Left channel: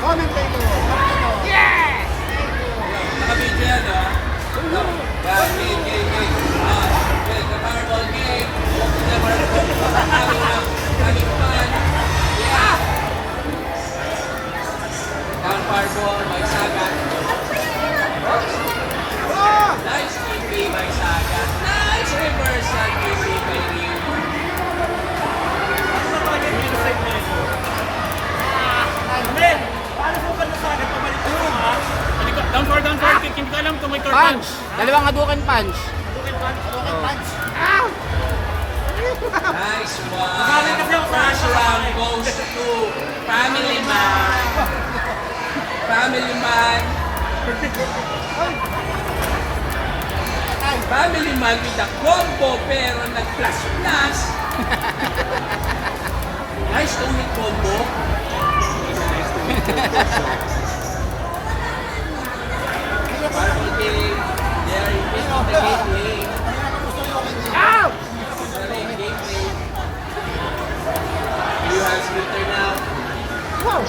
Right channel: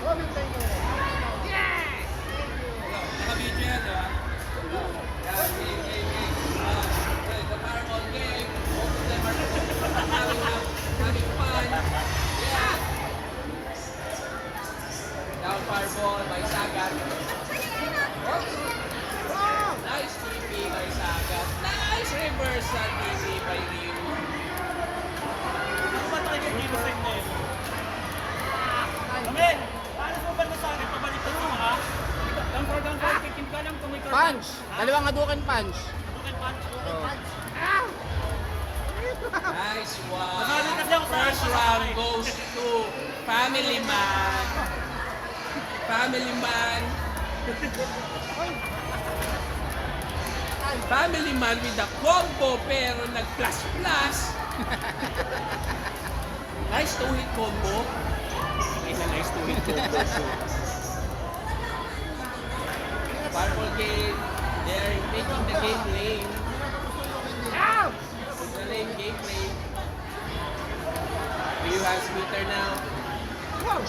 Comment kayo. Yes! Nakabidyo yan, ha? Game, game, game. Well, the Fireball game. Having fun. Yeah! Down Fireball by Sagat. Nice TP by Sagat. Nice reversal TP by Ryu. Men, paano po ba nasabi? Pabalik ko ha? Down for kick. Hindi ko alam kung may turtle. Punch! Dalawang Hadouken punch. Nice one. Sabi kasi ako sa First round goes to Family Man. Family Man. Family Man with the combo pero nag-plus-plus. Nice to hit combo. Nice to hit combo. Party game. They are making the gameplay. Gameplay. You have splitter now. Wow!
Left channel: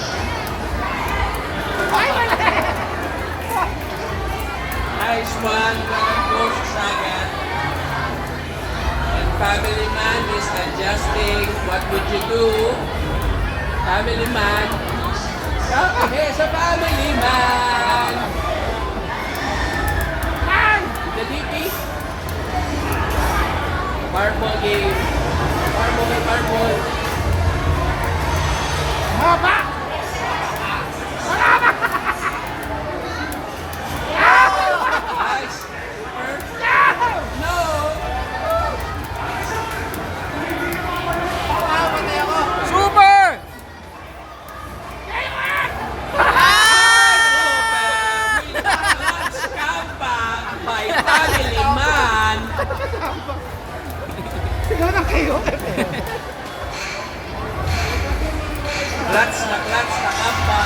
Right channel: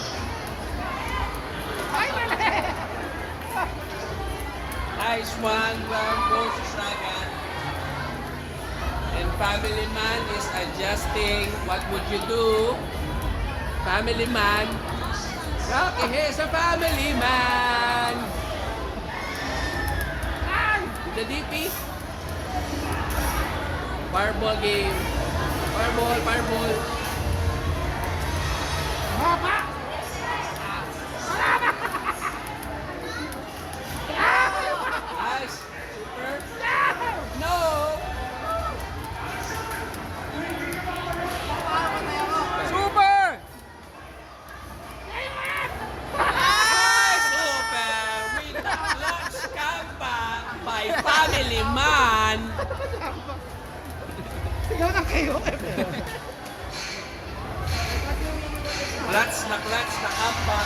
Nice one. Goes to Sagat. And Family Man is adjusting. What would you do? Family Man. Okay, sa Family Man. The DP. Fireball game. Fireball. Haba! Nice. No. Super! By Family Man. Sigaw na kayo. Clutch na kamba.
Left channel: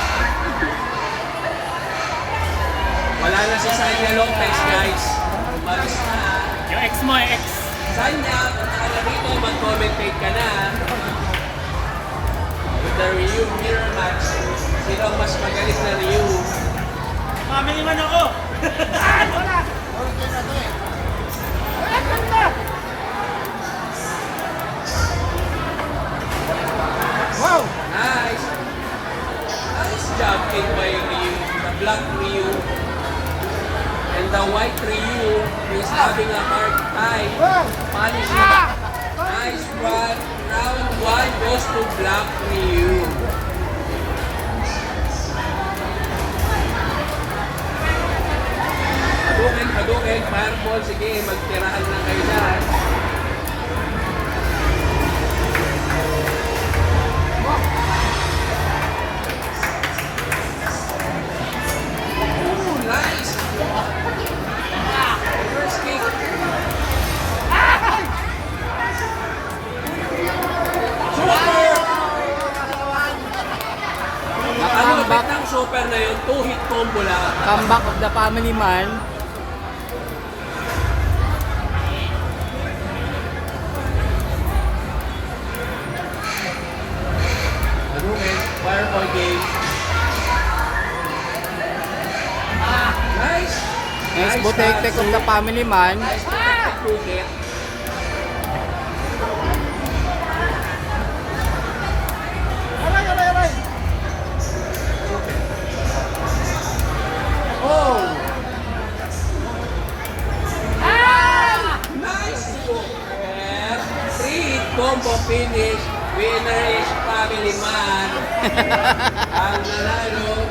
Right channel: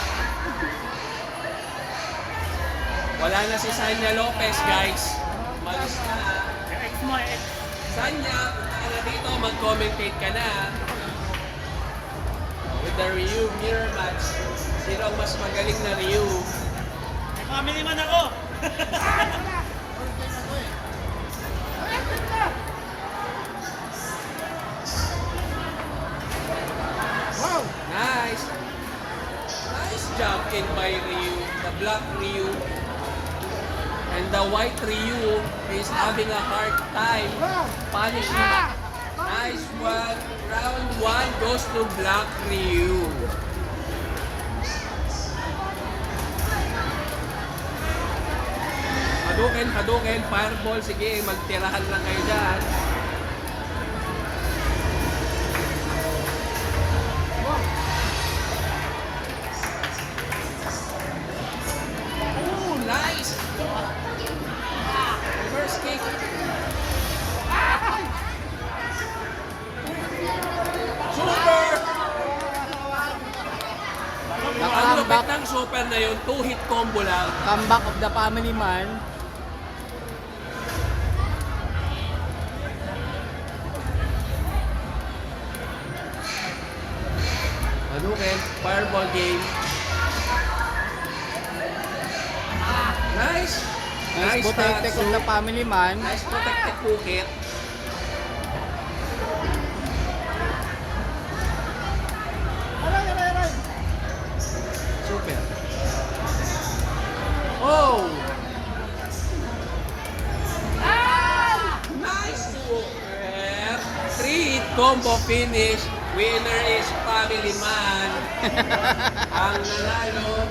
Wala na si Sanya Lopez, guys. Balis na. Yung ex mo, ex. Sanya, punta ka na rito, mag-commentate ka na. With the Ryu mirror match. Sino ang mas magaling na Ryu? Family man ako. Wala! Okay na to eh. Wala ganda! Wow! Nice. Nice job kick by Ryu. The black Ryu. And the white Ryu is having a hard time Wow! punishing. Nice one. Round 1 goes to black Ryu. Hadouken, fireball. Sige, magtirahan lang kayo dyan. Ooh, nice. First kick. Super! Comeback, Ang super na yun, 2-hit combo lang. comeback of the Family Man. Hadouken, fireball game. Nice! Nice protected of the Family Man. Nice protected crooked. Aray! Super. Oh! Nice super! 3-hit combo finish. Winner is Family Man. Ang nanalo